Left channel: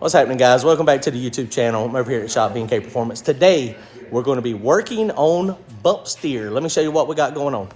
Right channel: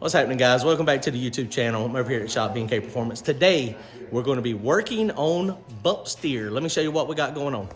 What's happening, guys? Welcome back to the YouTube channel. I'm over here at Shop B&K Performance. Today, we're going to be working on bump steer. Let me show you what we got going on.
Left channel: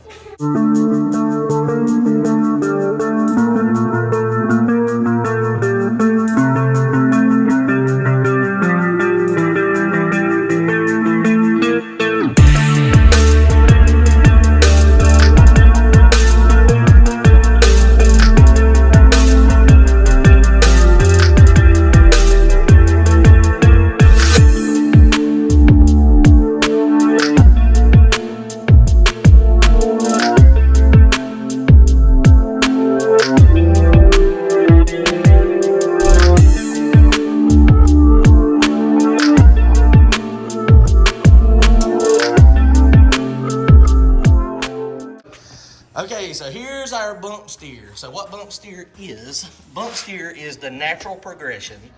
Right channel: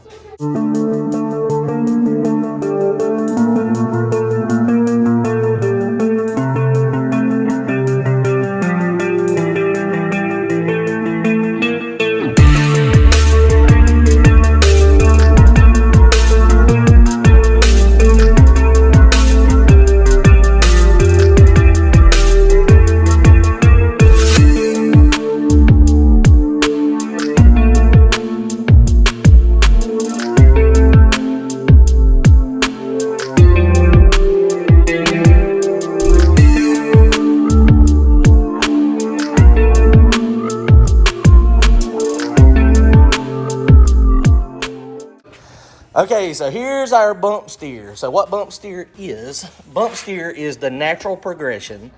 Okay, so here's our bump steer. So what bump steer is the natural progression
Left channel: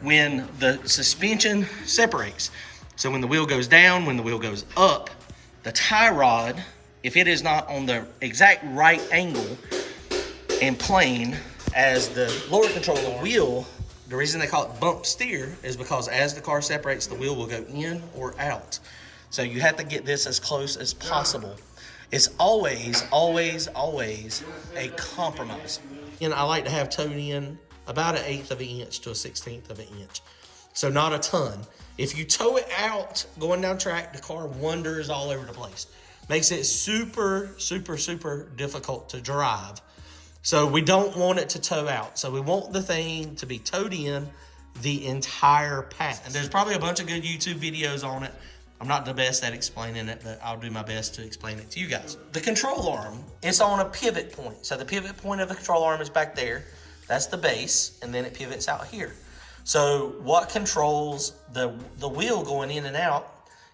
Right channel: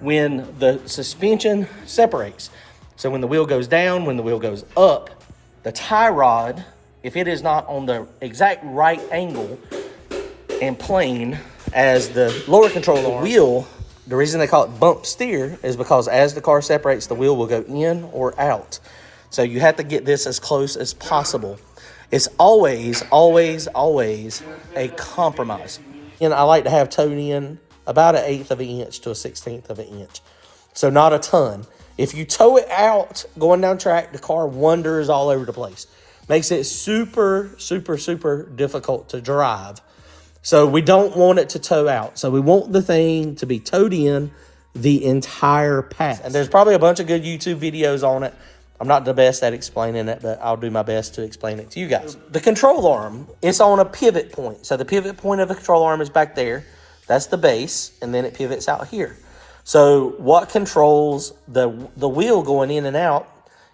when the suspension separates. So when the wheel goes down, when the wheel goes up, the tie rod, if it is not on the exact right angle and plane as the lower control arm, wheel, the reason they call it bump steer is because as the car separates, the wheel will go in or out. So you have to get this as close as possible. It's always, always, always a compromise. And I like to have towed in about 1/8 of an inch to 1/16 of an inch. So not a ton. If you tow it out going down track, the car wanders all over the place. Makes it super, super, super difficult to drive. So we don't want it to tow out. So we want the thing to be towed in the entire path. And there's probably a bunch of good YouTube videos on it. I'm not the best at explaining it, but I'll do my best to explain it to you guys. The control arm, it's on a pivot point. So the pivot point of the control arm is back there. That's the base, and then it pivots out here. So what controls the wheel going in and out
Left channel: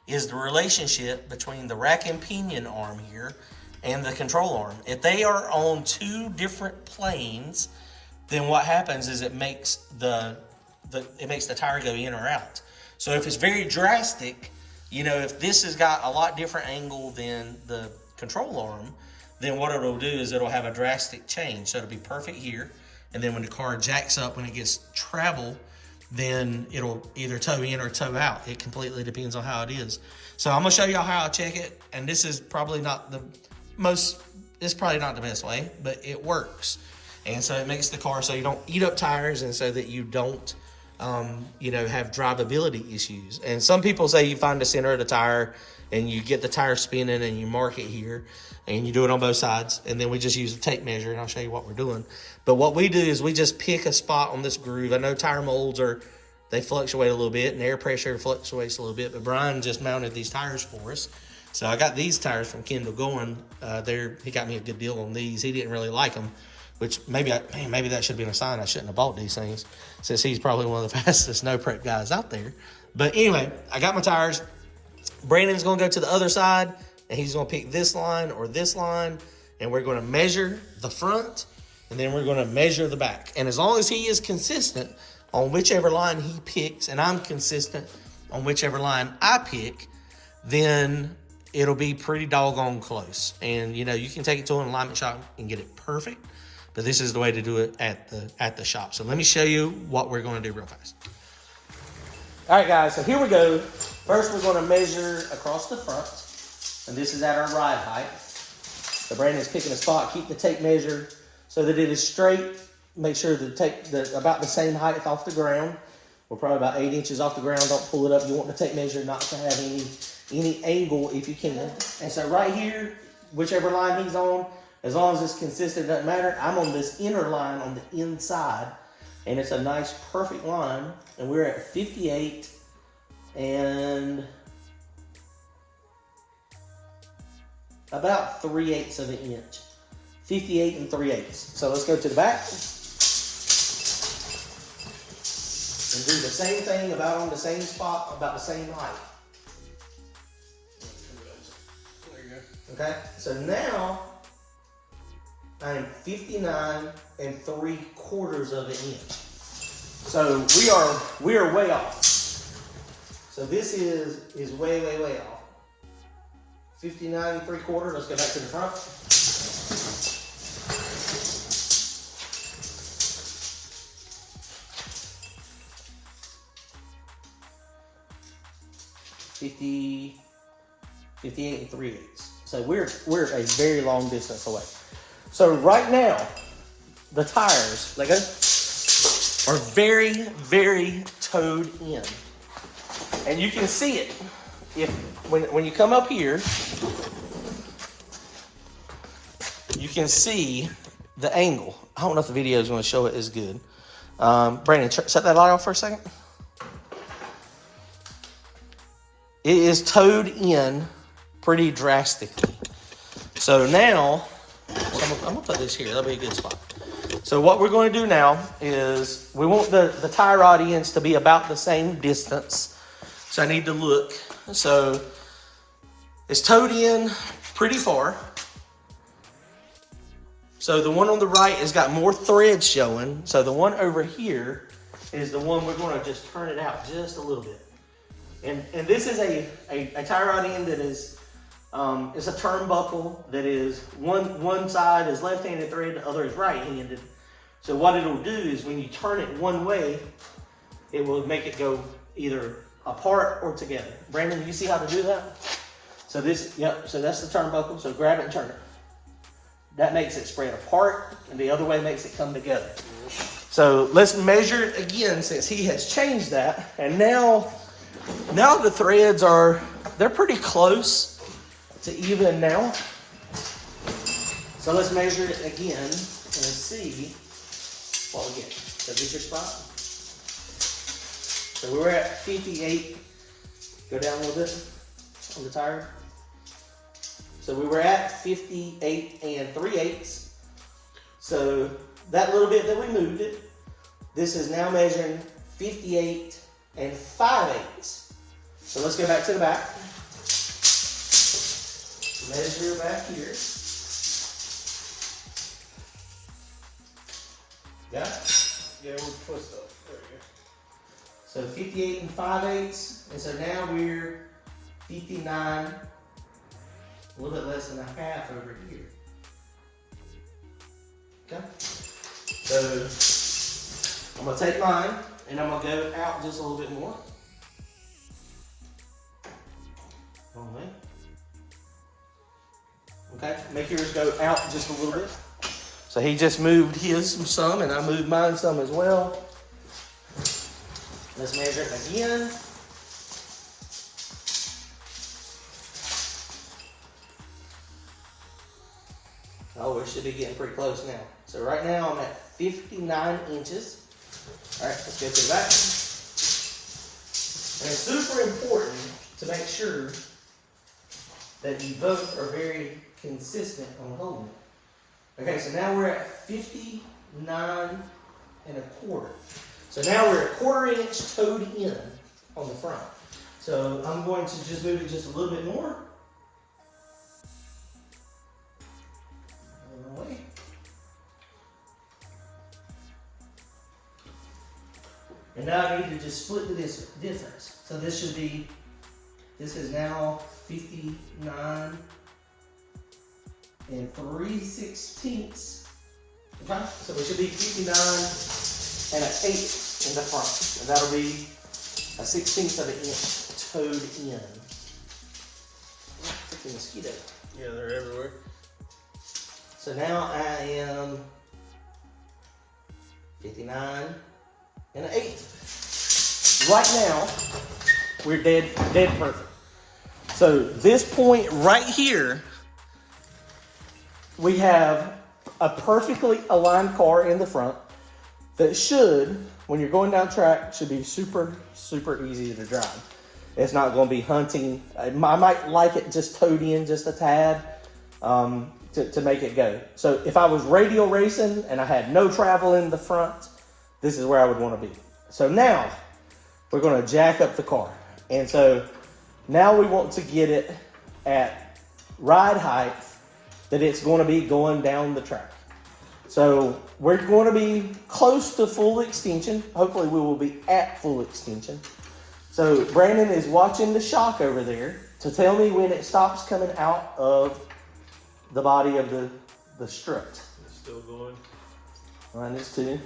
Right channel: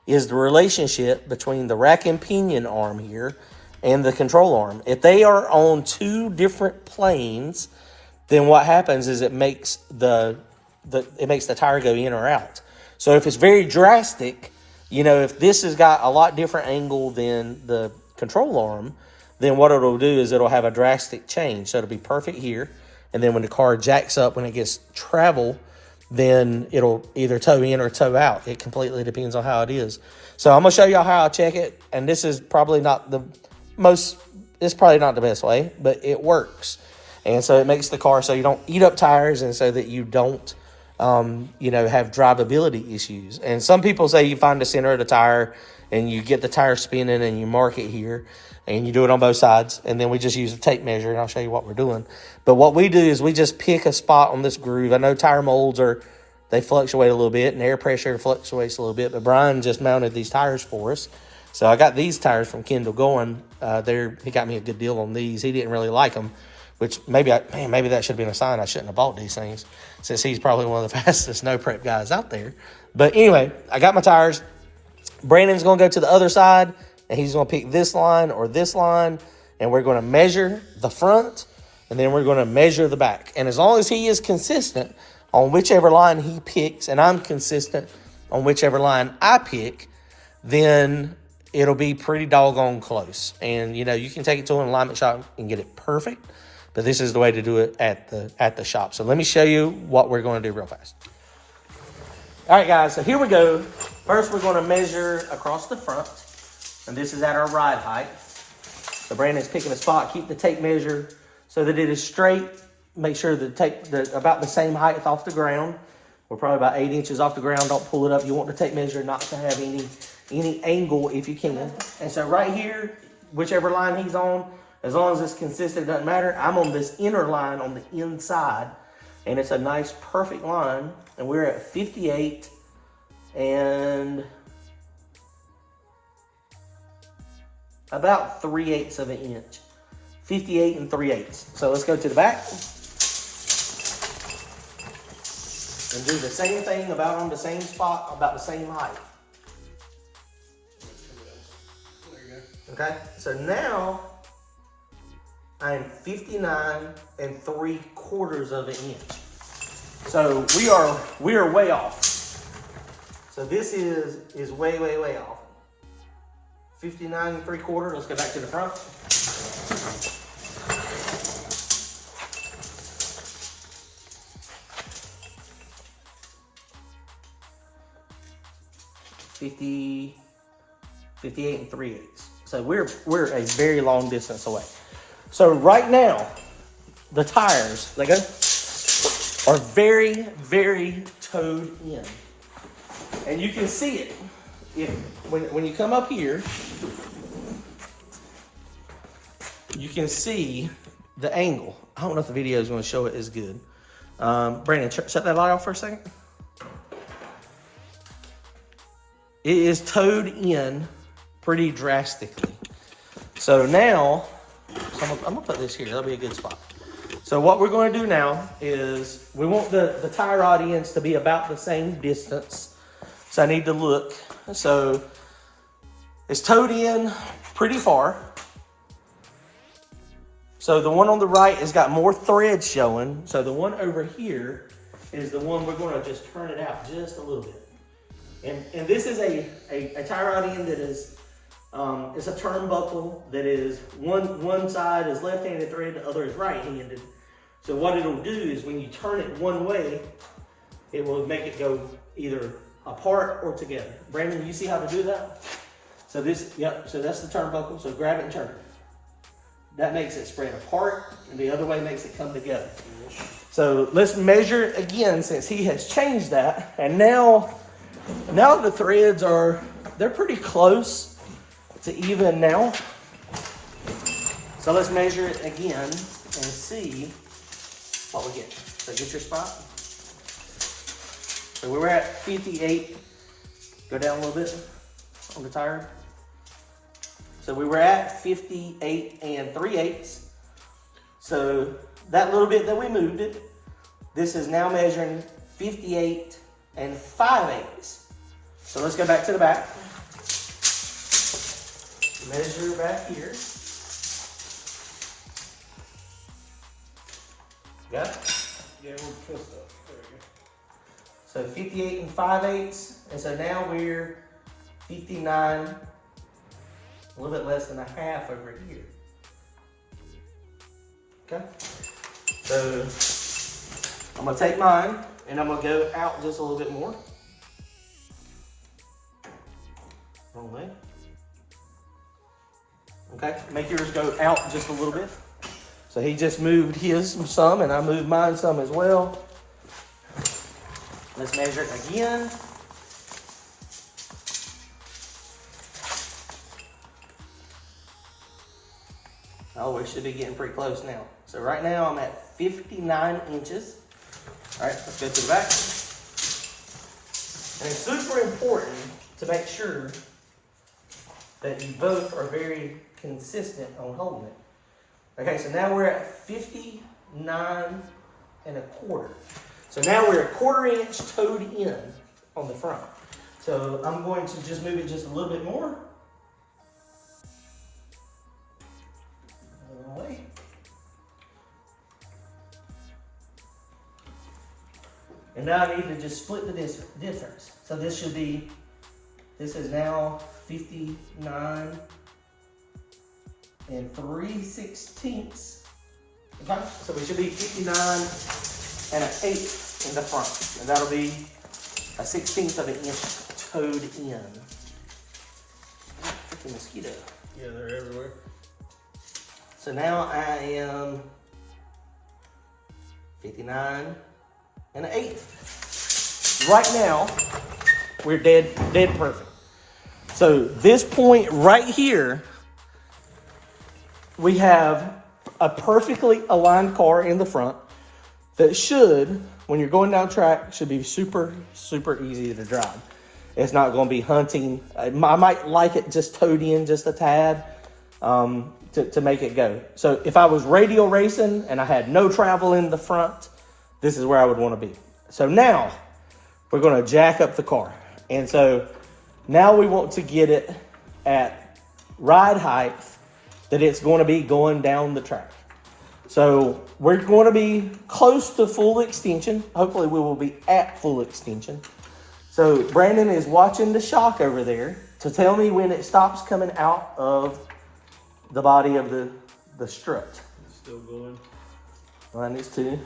is the relationship between the rack and pinion arm here and the control arm. If they are on two different planes, then what happens is it makes the tire go in or out. So if it's very drastic, you know, if this has got a lot different angle than the control arm, then what it'll do is it'll have a drastic change. So it'll be perfect here. And then when the car jacks up, when it gets travel, then it'll either tow in or tow out. It completely depends on how it is. So I'm going to show y'all how I check it. And this is probably not the best way, but it works. And so it makes the car so you don't eat up tires and so that you don't have drivability issues. And some people say you find the center of the tire and you get the tire spinning and you mark it here and you do it on both sides. And then we just use a tape measure and I'll show you what we're doing. But what we do is we just pick a spot on this groove. I know tire molds they fluctuate a little bit and air pressure fluctuates a little bit, but Brian just mounted these tires for us. So I got these tires from Kendall Going. He got me a good deal on these. He didn't really like them, which maybe that should have been a sign I shouldn't have bought these things, since he's probably one of the fastest snow prep guys out there. But anyway, I got my tires. Brandon's going to go to the other side, and he's going to pick this line or this line, and we're going to measure the front, and then we're going to measure the back. And as long as he is consistent on whichever line he picks, and I'm consistent on whichever line I pick, then it'll be pretty doggone close. And, you can take it to an alignment shop and get it perfect. But this is the way to do it at the shop. So let me show you what we're going to do real fast. All right, guys, so here we go. First, we're going to measure across the front. And this is at our ride height. So Brandon's picking a spot. Keep the tape measure so that it is straight. Make sure the about the same height off the ground. We're probably about 8 inches off the ground. Don't pull it up. You want the tape measure not to have any angle if you can. And so right here, whichever line he's on, as long as it's consistent, it doesn't matter. I'm on this inner line on the inside, and it's a nice, perfect line. And we're at 58 and about 3/8 of an inch. 58 and 3/8. So let's go to the back and do the same thing about on the same spot, about the same height. There you go. Okay, so now I am 59 3/4 of an inch. So we are way off. So this is way, way, way off. 59 3/4. Let's go back to the front. 50, 58 and 3/8. So we're a very long distance away. So right now, the tires, they go, are very, very towed in. And you can see it. When you come up here, you can see the angle. I don't know if the video is going to show it as good. Brandon, shut that light off for a second. It is towed in pretty drastically. So now, I'm gonna put this here. That'll be a good spot. So what we're going to do now is we want the tie rod ends to be about the same distance. So I need to look. So it's towed in pretty far. So the one on the right has got more thread showing. So the one over here is the one we're going to just turn it out just a little bit. And this is a tie rod end that is, it's a turnbuckle that is, one side is left-handed thread, the other is right-handed. So what it'll do is when you turn it one way, it will make it go either apart or together. Brandon, do you see how to do that? So so that's the turnbuckle, so grab it and turn it. That makes it spread apart, and the other way makes it come together. So let's measure it again since he has changed that. And now the threads they're pretty close to even now. So let's measure it again and see what we get. So get your spot. So we were at 58. Go down a little bit on the tire. So we were at 58 and 3/8. So that little bit that we moved it, this is now measuring 58 and 5/8. So let's go back to the back. Measure back here. Got it? Yeah, we'll twist up. There we go. So 58 and 5/8. And so now we're 59, a little bit less than a half over here. Okay? So I'm gonna take mine and I'm gonna go out just a little bit more. Wrong way. Okay, make yours go out just a little bit. So he just moved his some and I moved mine some as well. Let's measure it again. Oh, we should be getting pretty close now. So right now I'm at 59 inches. All right, let's go to the back. And it's super important to make sure that you both are very consistent on holding it. Okay, so now we're at 59 and a quarter. So now we're a 1/4 inch towed in on the front. So I'm going to just move it just a little bit more. Away. And now I need to just split the difference. So this is now 59 and 3/16. Okay, so we should be 59 and an 1/8 in the front. And that'll be a 1/16 of an inch towed in. Freaking mosquito. Yeah, they're everywhere. So now I am 59 and an 1/8. Right now, we're dead perfect. So this point right here, we have a perfectly aligned car in the front that should, when you're going down track, should be super, super easy to drive. It's not going to be hunting. I might like it just towed in just a tad to make it go. So if I was radial racing and I had no travel in the front, this is where I would want to be. So now we're going to jack up the car. And so now we want to get it at ride height that it's going to be going down the track. So we're going to be close to full extension. Hopefully we will be at full extension. So Brandon is watching the shock over there to tell me when it stops coming out of the body of the strut. It's still going. Mine is too.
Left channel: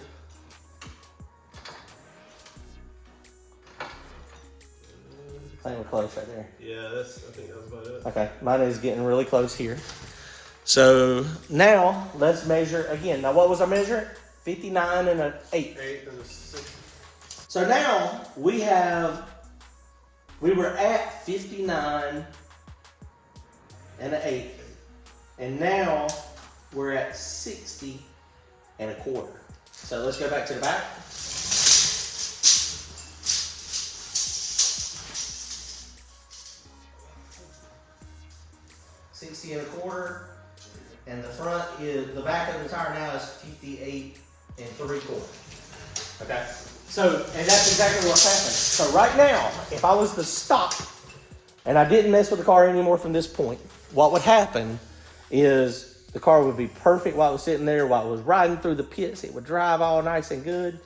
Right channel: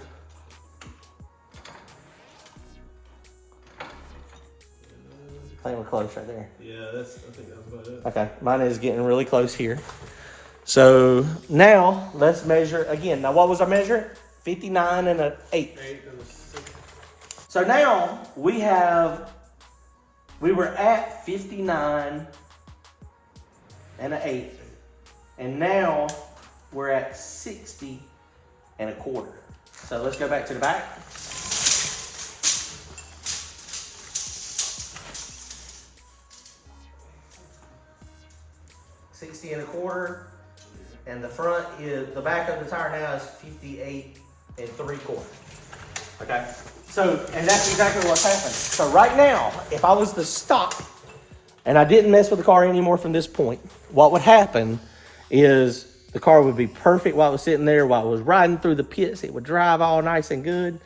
I think we're close right there. Yeah, I think that's about it. Okay, mine is getting really close here. So now let's measure again. Now what was our measure? 59 and an eighth. 8 and a 6. So now we were at 59 and an eighth. And now we're at 60 and a quarter. So let's go back to the back. $60 and a quarter, and the front is, the back of the tire now is 58 and 3/4. Okay, so, and that's exactly what's happening. So right now, if I was to stop and I didn't mess with the car anymore from this point, what would happen is the car would be perfect while it was sitting there, while it was riding through the pits. It would drive all nice and good,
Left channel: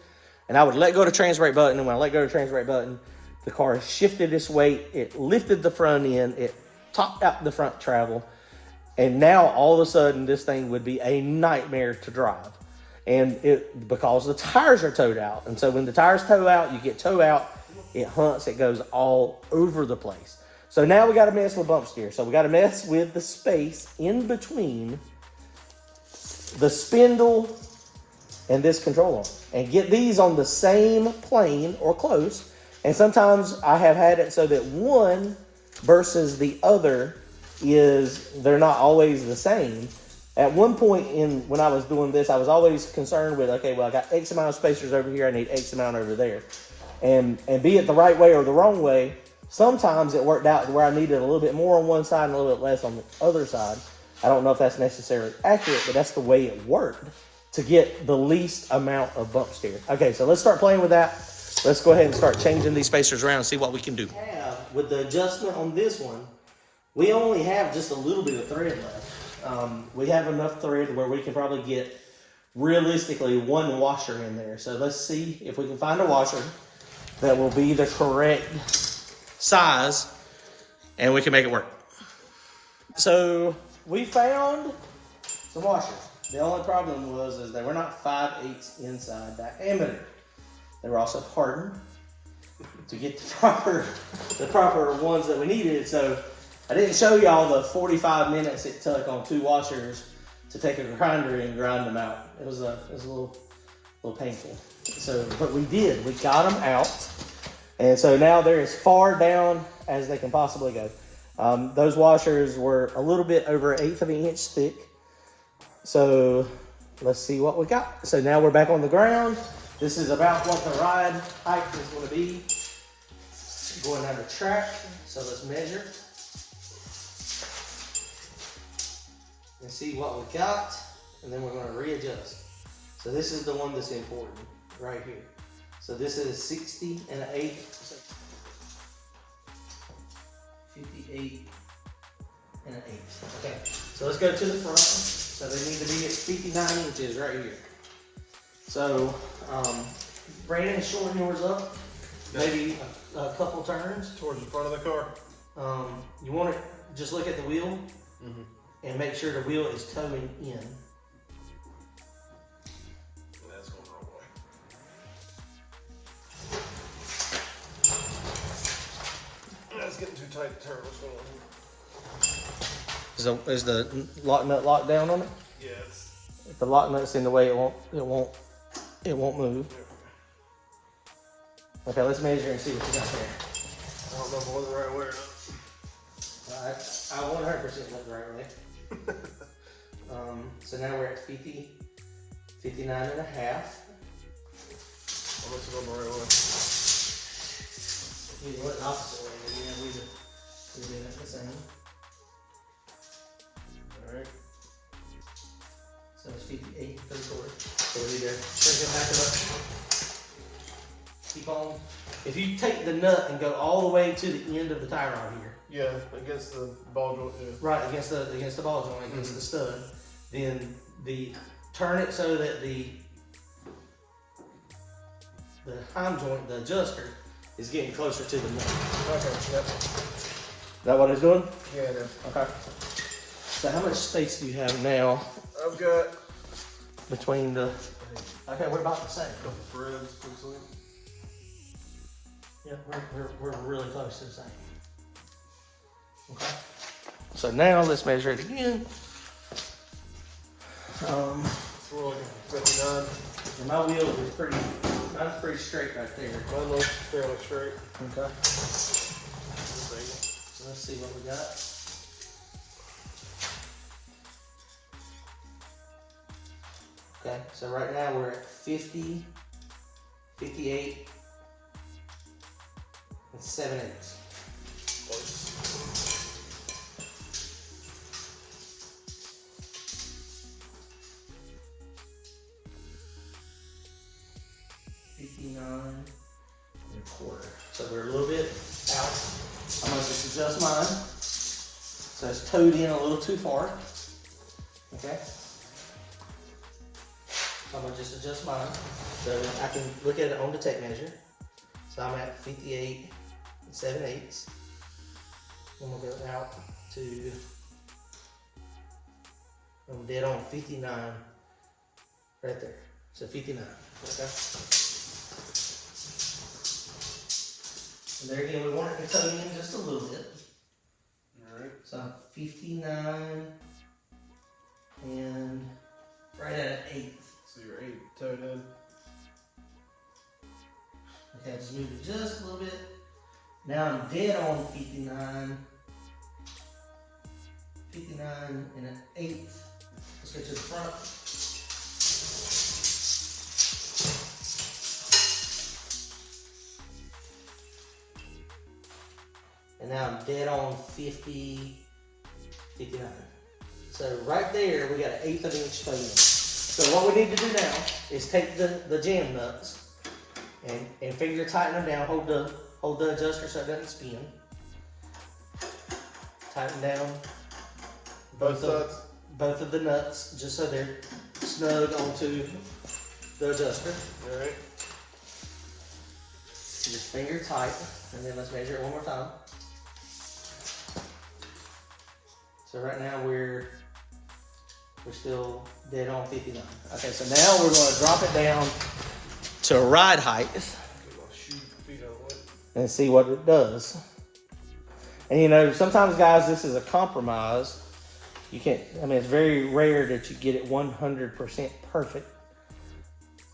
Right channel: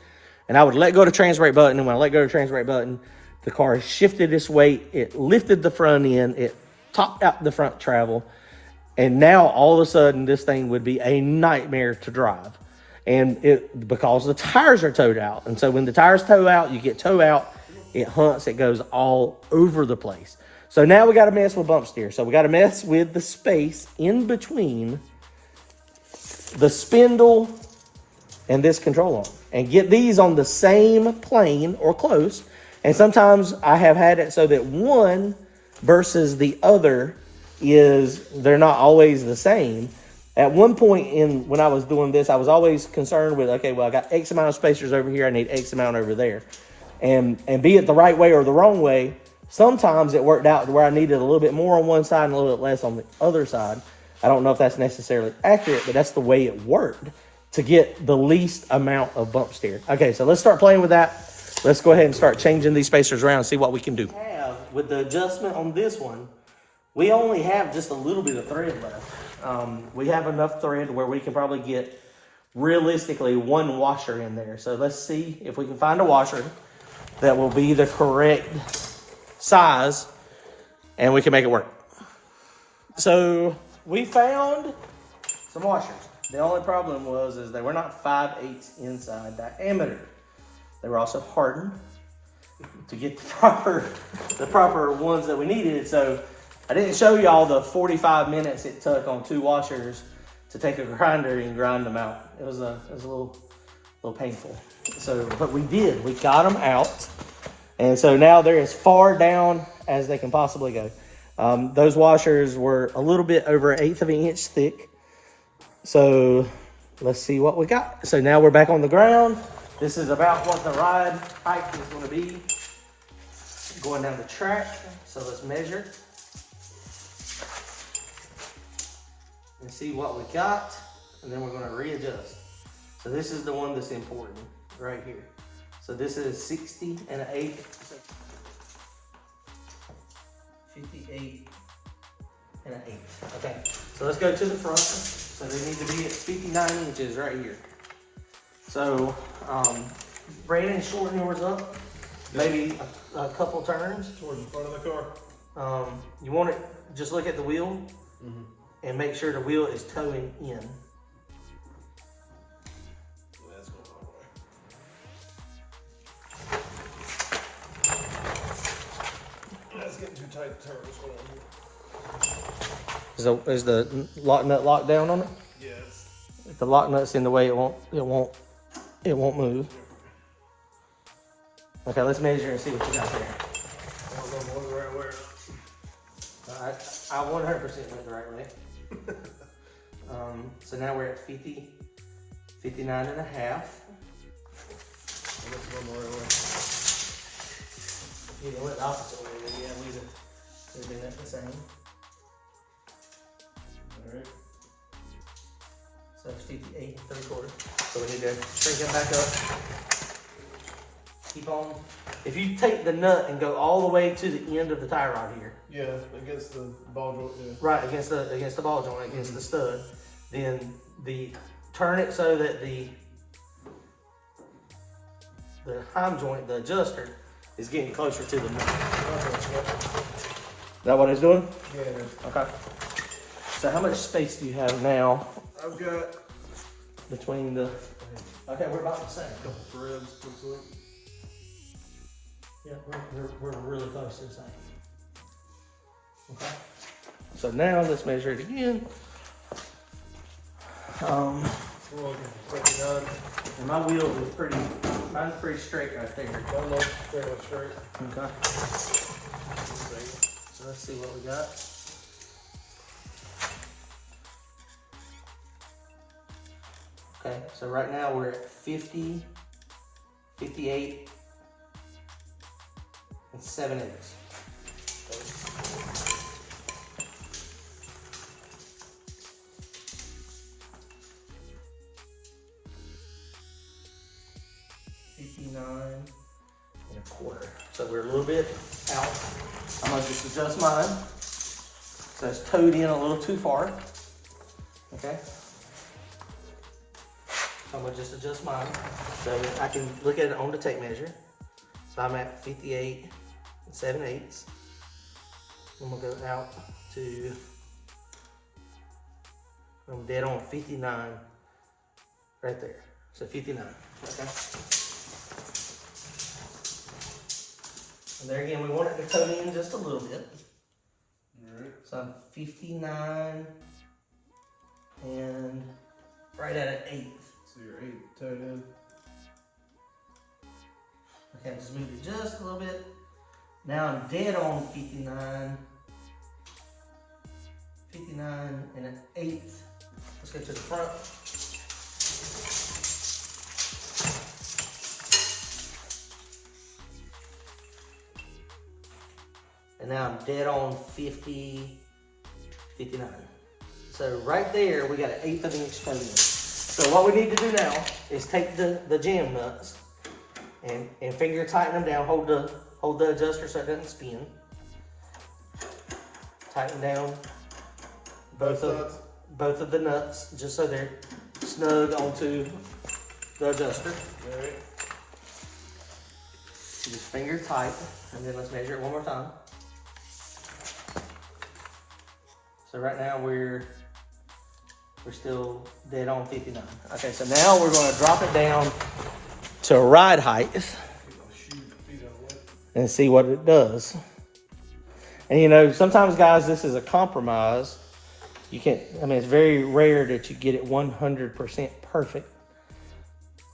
and I would let go of the trans brake button, and when I let go of the trans brake button, the car shifted its weight, it lifted the front end, it topped out the front travel, and now all of a sudden this thing would be a nightmare to drive. And it, because the tires are towed out. And so when the tires tow out, you get tow out, it hunts, it goes all over the place. So now we got to mess with bump steer. So we got to mess with the space in between the spindle and this control arm and get these on the same plane or close. And sometimes I have had it so that one versus the other they're not always the same. At one point when I was doing this, I was always concerned with, okay, well, I got X amount of spacers over here, I need X amount over there. And be it the right way or the wrong way, sometimes it worked out where I needed a little bit more on one side and a little bit less on the other side. I don't know if that's necessarily accurate, but that's the way it worked to get the least amount of bump steer. Okay, so let's start playing with that. Let's go ahead and start changing these spacers around and see what we can do. With the adjustment on this one, we only have just a little bit of thread left. We have enough thread where we can probably get realistically one washer in there. So let's see if we can find a washer that will be the correct size and we can make it work. So we found some washers. The only problem is they were not 5/8 inside diameter. They were also hardened to get the proper ones that we needed. So I didn't show y'all the 45 minutes it took on 2 washers to take a grinder and grind them out. It was a little painful. So, but we did. We got them out, and so now they're as far down as they can possibly go. Those washers were a little bit over 1/8 of an inch thick. So let's see what we got. So now we're back on the ground. This is about what the ride height is going to be going down the track. So let's measure and see what we got, and then we're going to readjust. So this is the one that's important right here. So this is 60 and 8, 58 and an 8. Okay, so let's go to the front. So they need to be at 59 inches right here. So Brandon, shorten yours up, maybe a couple turns Towards the front of the car. You want it, just look at the wheel and make sure the wheel is towing in. That's going the wrong way. That's getting too tight to turn. What's going on here? Is the lock nut locked down on it? Yes. If the lock nut's in the way, it won't move. Okay, let's measure and see what you got there. I don't know if it was the right way or not. I 100% went the right way. So now we're at 50, 59 and a half. Unless it's going the right way. You went the opposite way, then yeah, we'd do that the same. Alright. So it's 58, 3/4. So we need to crank it back up. Keep on. If you take the nut and go all the way to the end of the tie rod here, Yeah, against the ball joint. Yeah. right against the ball joint, against the stud, then turn it so that the heim joint, the adjuster, is getting closer to the nut. Is that what it's doing? Yeah, it is. Okay. So how much space do you have now I've got between the? Okay, we're about the same. threads. Looks like. Yeah, Yep, we're really close to the same. Okay. So now let's measure it again. Roll 59. And my wheel is mine's pretty straight right there. Mine looks fairly straight. Okay. So let's see what we got. Okay, so right now we're at 50, 58, and 7/8. $59.25. So we're a little bit out. I'm gonna just adjust mine. So it's towed in a little too far. Okay. So I'm gonna just adjust mine. So I can look at it on the tape measure. So I'm at 58 and 7/8. I'm gonna go out to, I'm dead on 59 right there. So 59, okay? And there again, we want it to toe in just a little bit. Alright. So I'm 59 and right at an 8th. So you're 8 towed in. Okay, just move it just a little bit. Now I'm dead on 59. 59 and an 8th. Let's get to the front. And now I'm dead on 50, 59. So right there, we got an 1/8 of an inch toe in. So what we need to do now is take the jam nuts and finger tighten them down. Hold the adjuster so it doesn't spin. Tighten down both of the nuts just so they're snug onto the adjuster. Alright. Just finger tight, and then let's measure it one more time. So right now we're still dead on 59. Okay, so now we're going to drop it down to ride height and see what it does. And you know, sometimes guys, this is a compromise. You can't, I mean, it's very rare that you get it 100% perfect.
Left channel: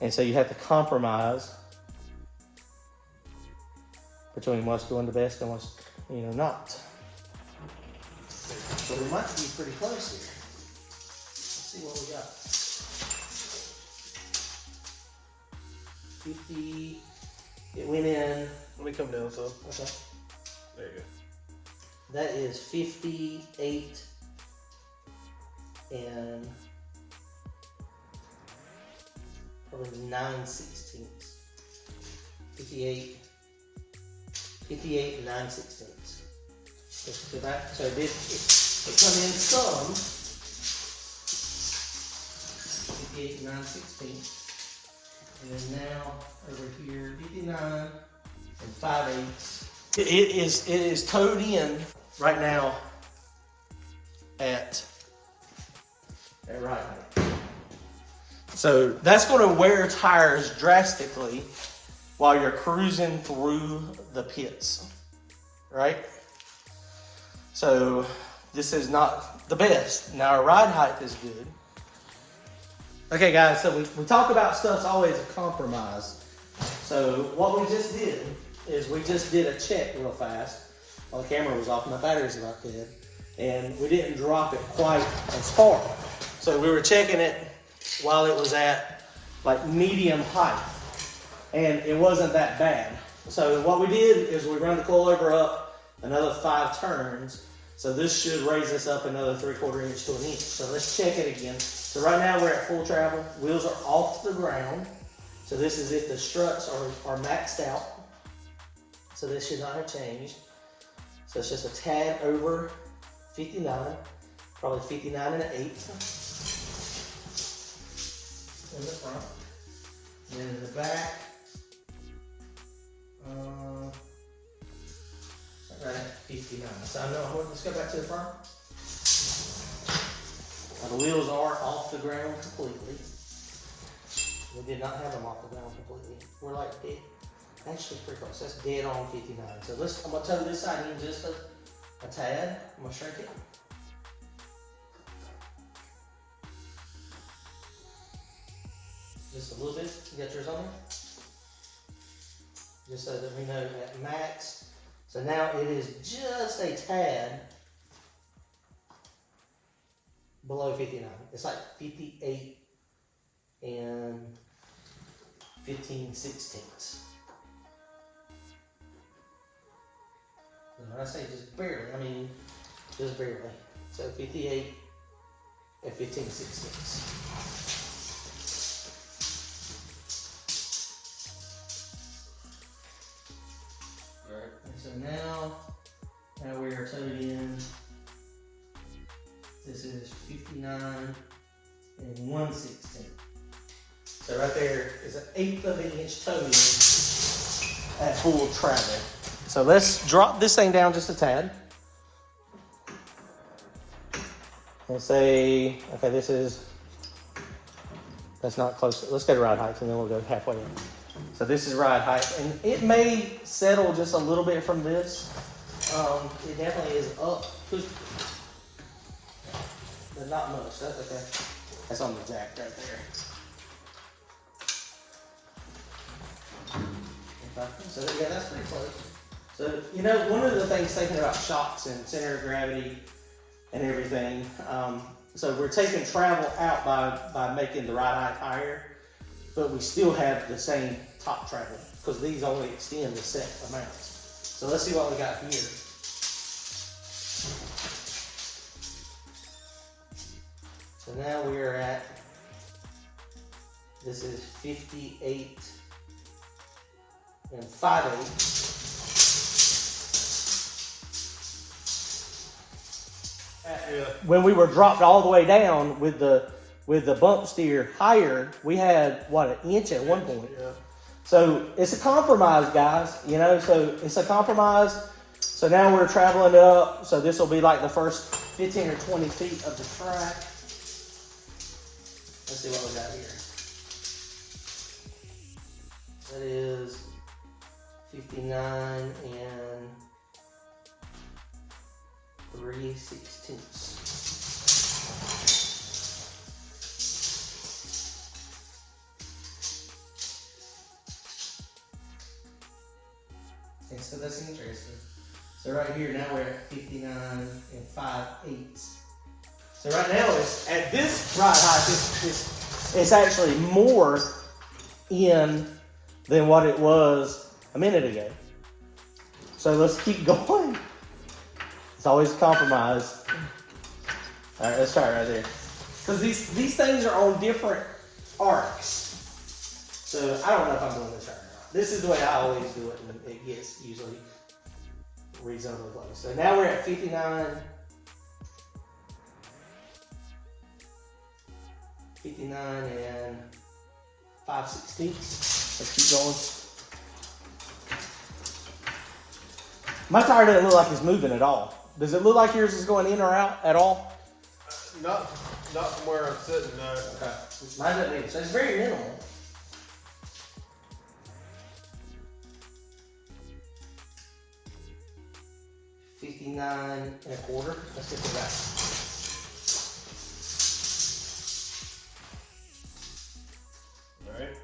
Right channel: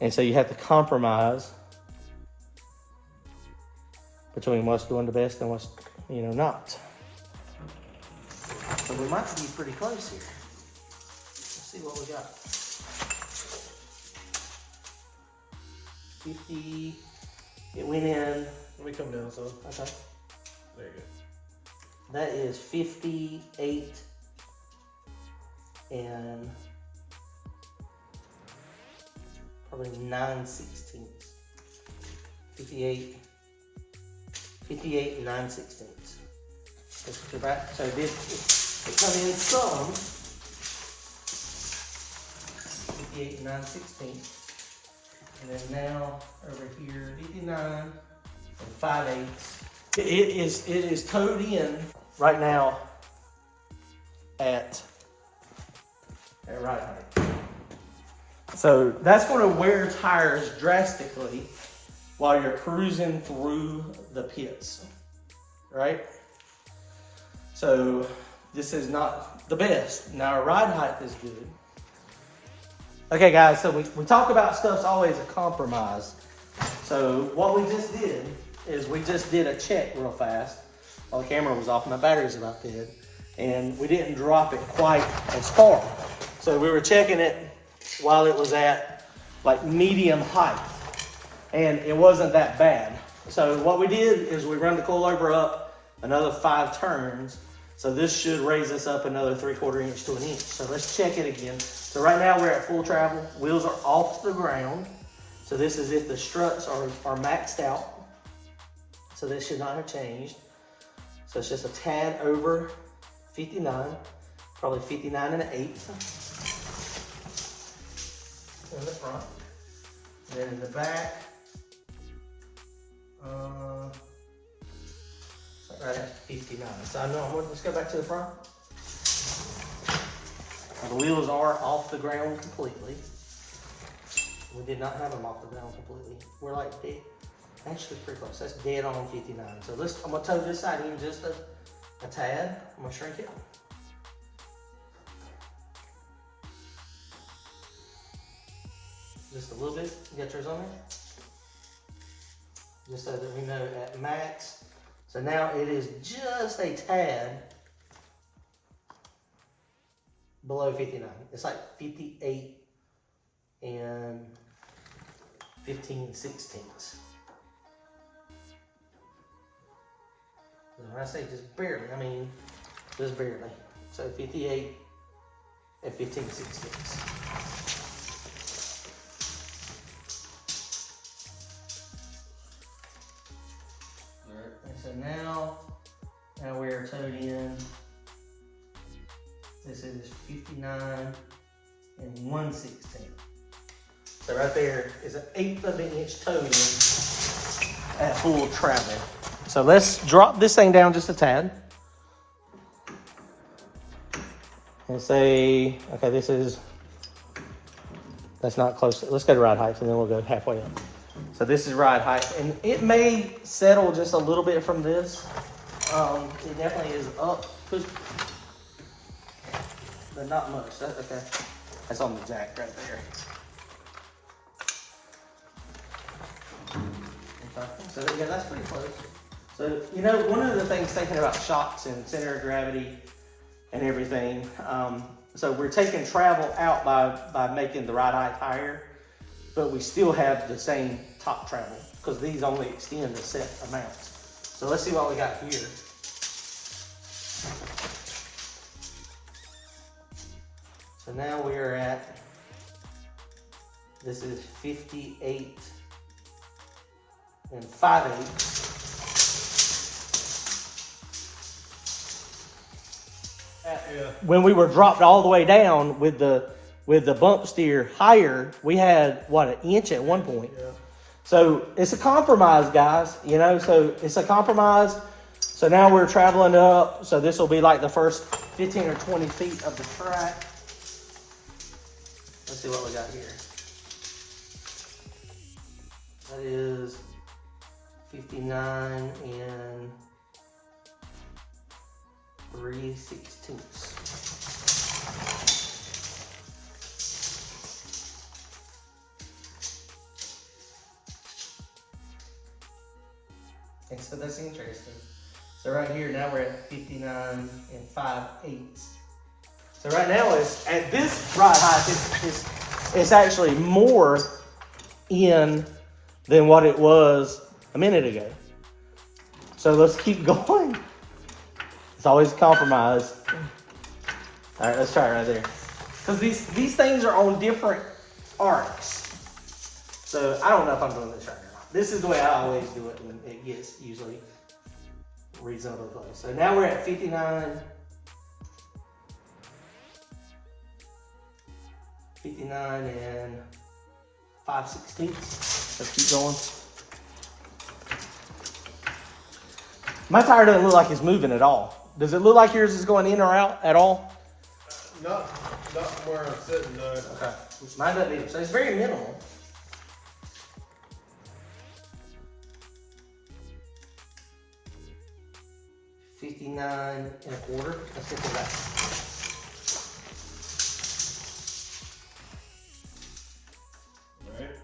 And so you have to compromise between what's doing the best and what's, you know, not. So we might be pretty close here. Let's see what we got. 50, it went in. Let me come down some. Okay. There you go. That is 58 and probably 9/16. 58 and 9/16. So it did, it come in some. 58 and 9/16. And then now over here, 59 and 5/8. It is towed in right now at right height. So that's going to wear tires drastically while you're cruising through the pits, right? So this is not the best. Now our ride height is good. Okay guys, so we talk about stuff's always a compromise. So what we just did is we just did a check real fast while the camera was off and my battery's about dead. And we didn't drop it quite as far. So we were checking it while it was at like medium height. And it wasn't that bad. So what we did is we run the coilover up another 5 turns. So this should raise us up another 3/4 inch to an inch. So let's check it again. So right now we're at full travel. Wheels are off the ground. So this is if the struts are maxed out. So this should not have changed. So it's just a tad over 59, probably 59 and an 1/8 in the front. And then in the back, right at 59. So I know, let's go back to the front. Now, the wheels are off the ground completely. We did not have them off the ground completely. We're like Actually, pretty close. That's dead on 59. So I'm gonna toe this side in just a tad. I'm gonna shrink it. Just a little bit. You got yours on there? Just so that we know at max. So now it is just a tad below 59. It's like 58 and 15/16. When I say just barely, I mean just barely. So 58 and 15/16. So now we're towed in. This is 59 and 1/16. So right there is an 1/8 of an inch toe in at full travel. So let's drop this thing down just a tad. Let's say, okay, that's not close. Let's go to ride height and then we'll go halfway in. So this is ride height, and it may settle just a little bit from this. It definitely is up, but not much. That's okay. That's on the jack right there. Okay. So yeah, that's pretty close. So one of the things thinking about shocks and center of gravity and everything. So we're taking travel out by making the ride height higher, but we still have the same top travel because these only extend the set amounts. So let's see what we got here. So now we're at, this is 58 and 5/8. Yeah. When we were dropped all the way down with the bump steer higher, we had an inch at one point. Yeah. So it's a compromise, guys. So it's a compromise. So now we're traveling up. So this will be like the first 15 or 20 feet of the track. Let's see what we got here. That is 59 and 3/16. And so that's interesting. So right here, now we're at 59 and 5/8. So right now, at this ride height, it's actually more in than what it was a minute ago. So let's keep going. It's always a compromise. All right, let's try it right there. Because these things are on different arcs. So I don't know if I'm doing this right now. This is the way I always do it when it gets usually reasonably close. So now we're at 59. 59 and 5/16. Let's keep going. My tire doesn't look like it's moving at all. Does it look like yours is going in or out at all? Not from where I'm sitting, no. Okay. Mine doesn't either. So it's very minimal. $59 and a quarter. Let's get to that. Alright.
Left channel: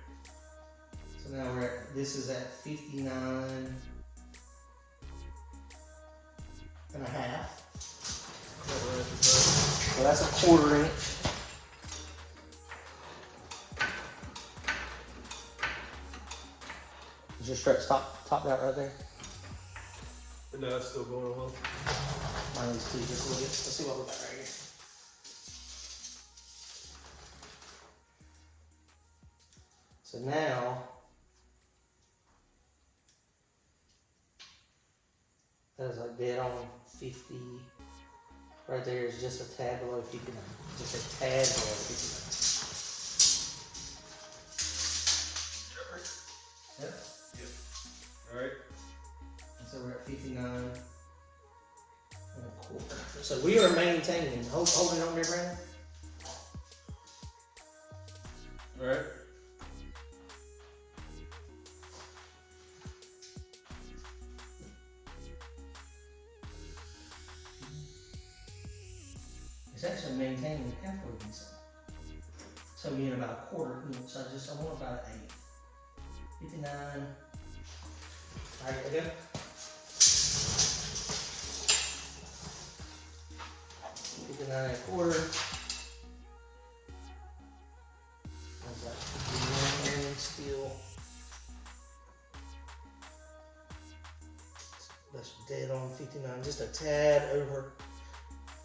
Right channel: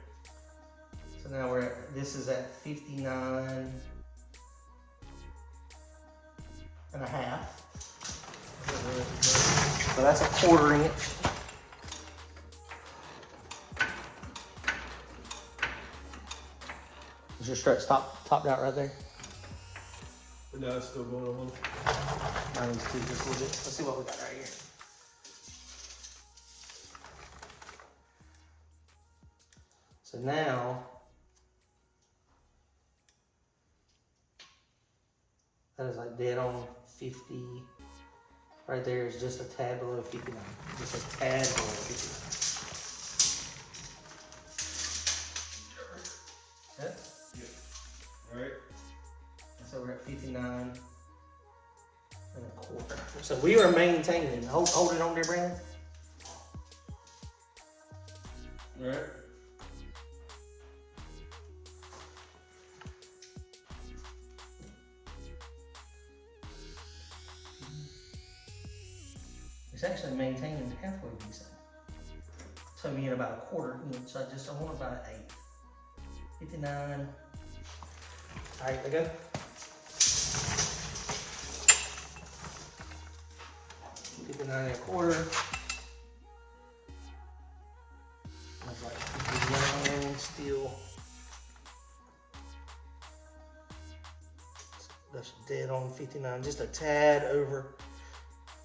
So now this is at 59 and a half. So that's a 1/4 inch. Is your strut top out right there? No, it's still going on. Mine is too, just a little bit. Let's see what we got right here. So now, that is like dead on 50. Right there is just a tad below 59. Just a tad below 59. Yep. Alright. And so we're at 59 and a quarter. So we are maintaining. Hold it on there, Brown. Alright. it's actually maintaining halfway decent. So me in about a 1/4 inch. I want about 8. 59. All right, okay. 59 1/4. That's like 59 still. That's dead on 59, just a tad over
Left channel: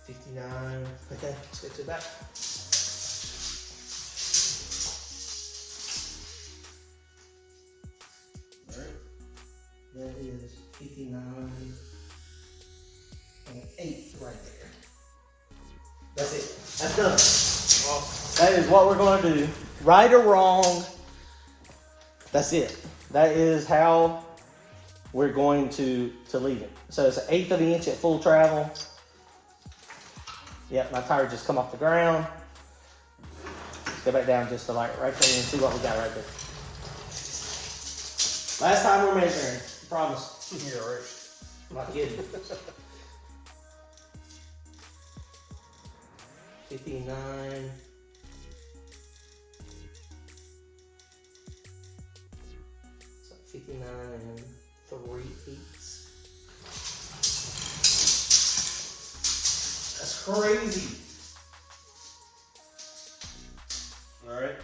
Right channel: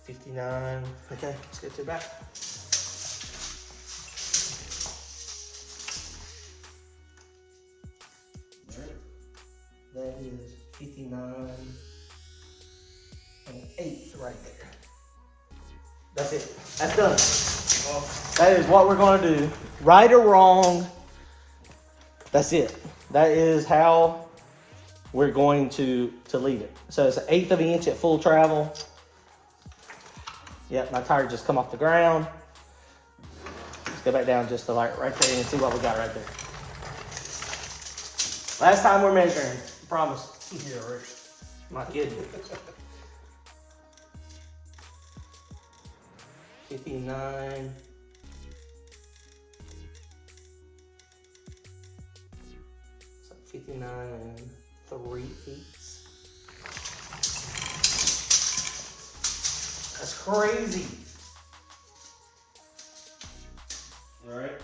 59. Okay, let's get to the back. All right, that is 59 1/8 right there. That's it. That's done. Well, that is what we're going to do. Right or wrong, that's it. That is how we're going to leave it. So it's 1/8 of an inch at full travel. Yeah, my tire just come off the ground. Let's go back down just to like right there and see what we got right there. Last time we're measuring, I promise. Yeah, right. Not kidding. 59. So 59 3/8. That's crazy. All right.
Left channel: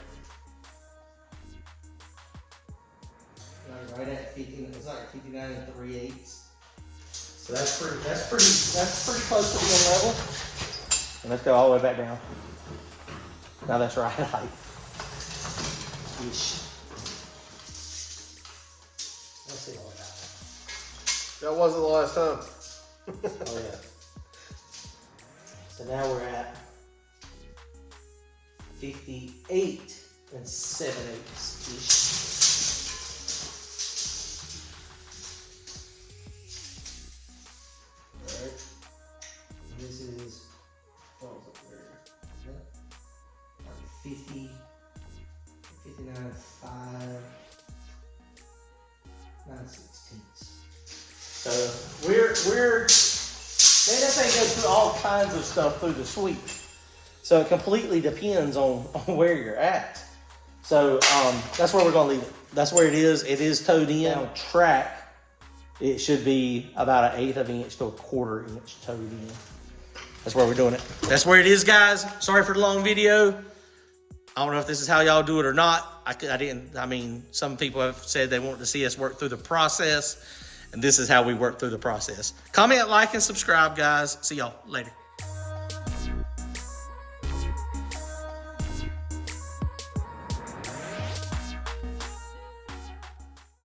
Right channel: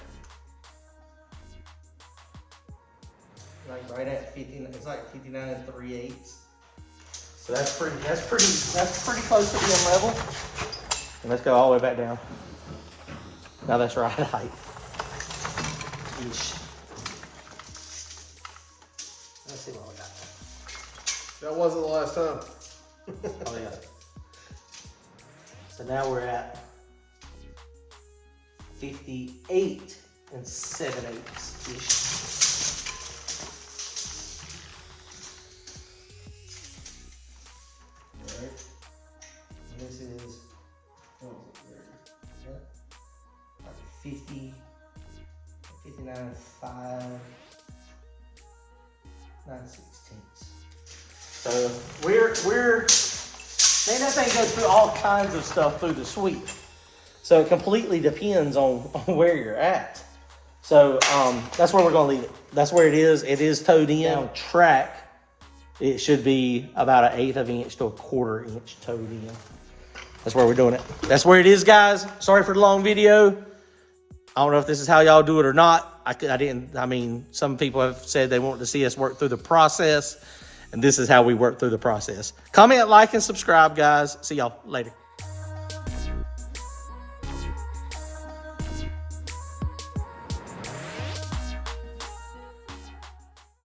Like right at 50, it's like 59 3/8. So that's pretty close to being level. And let's go all the way back down. Now that's right height. Yeesh. Let's see what we got. That wasn't the last time. Oh yeah. So now we're at 58 7/8 ish. Alright. This is, what was it? Where? Yeah. Like 50, 59 5 9/16. So we're man, that thing goes through all kinds of stuff through the sweep. So it completely depends on where you're at. So that's where we're gonna leave it. That's where it is. It is towed in. On track, it should be about 1/8 of an inch to a 1/4 inch towed in. That's where we're doing it. That's where it is, guys. Sorry for the long video. I don't know if this is how y'all do it or not. I mean, some people have said they want to see us work through the process, and this is how we work through the process. Comment, like, and subscribe, guys. See y'all later.